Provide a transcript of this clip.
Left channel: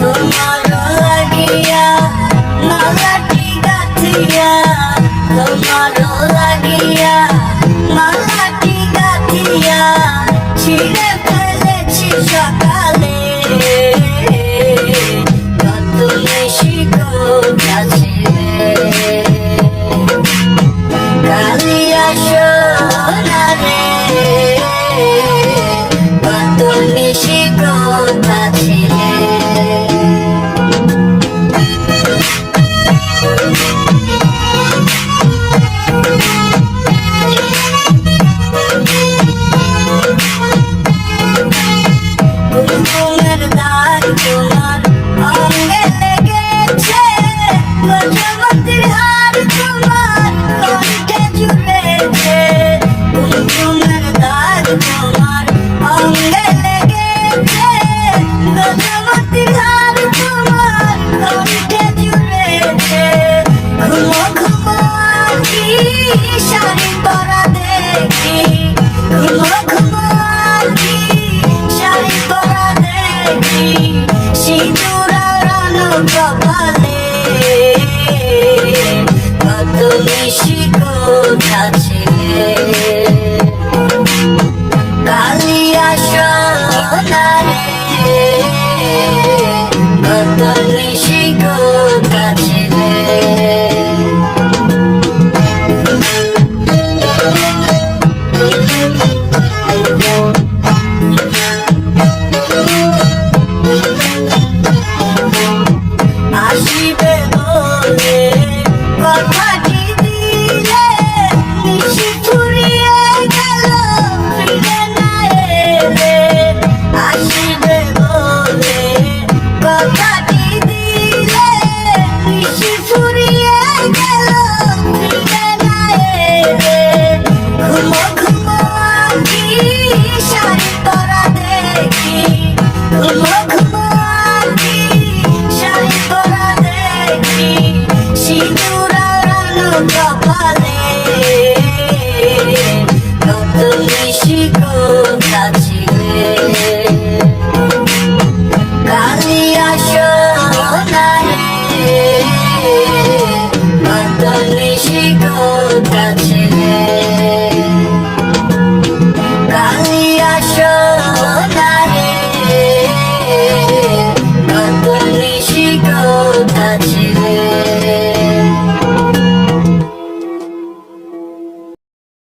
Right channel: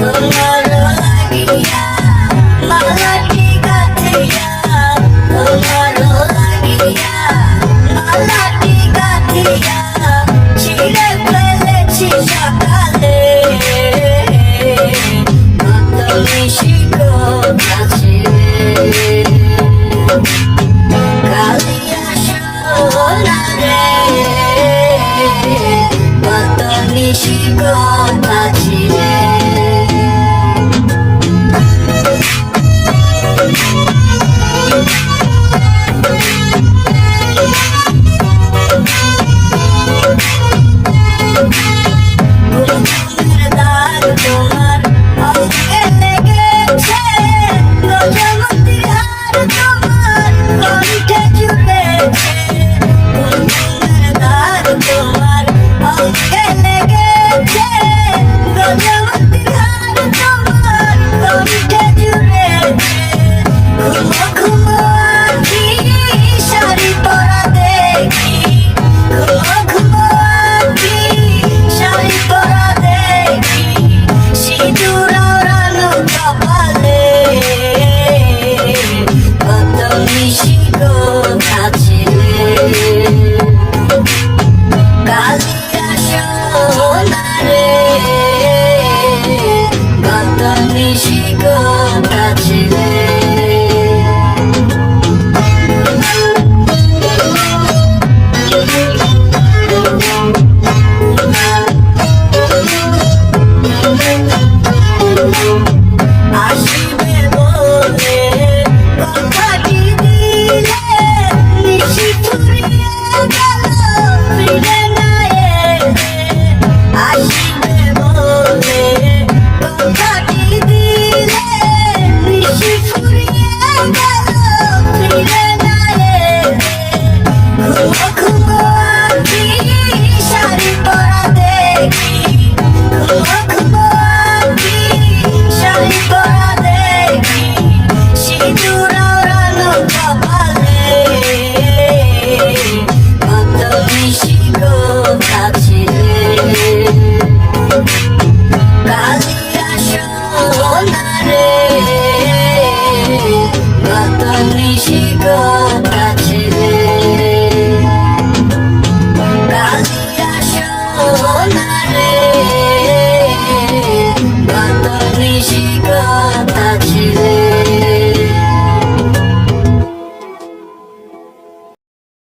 তোমার লাগিয়া মালাটি গাথিয়া, তোমার লাগিয়া মালাটি গাথিয়া ছিঁড়ে ফেলেছি সকালে। কত নিশি কোথা ছিলে, কালিয়া সোনা রে, কত নিশি কোথা ছিলে। গুনগুনের দাগ তোমার অঙ্গে লেগেছে, গজমতির হার তোমার কণ্ঠে জুড়েছে। গুনগুনের দাগ তোমার অঙ্গে লেগেছে, গজমতির হার তোমার কণ্ঠে জুড়েছে। ঘুমো ঘুমো আঁখি শাড়ি পরা দেখি, ঘুমো ঘুমো আঁখি শাড়ি পরা দেখি, সিঁদুর আওড়ানো কপালে। কত নিশি কোথা ছিলে, কালিয়া সোনা রে, কত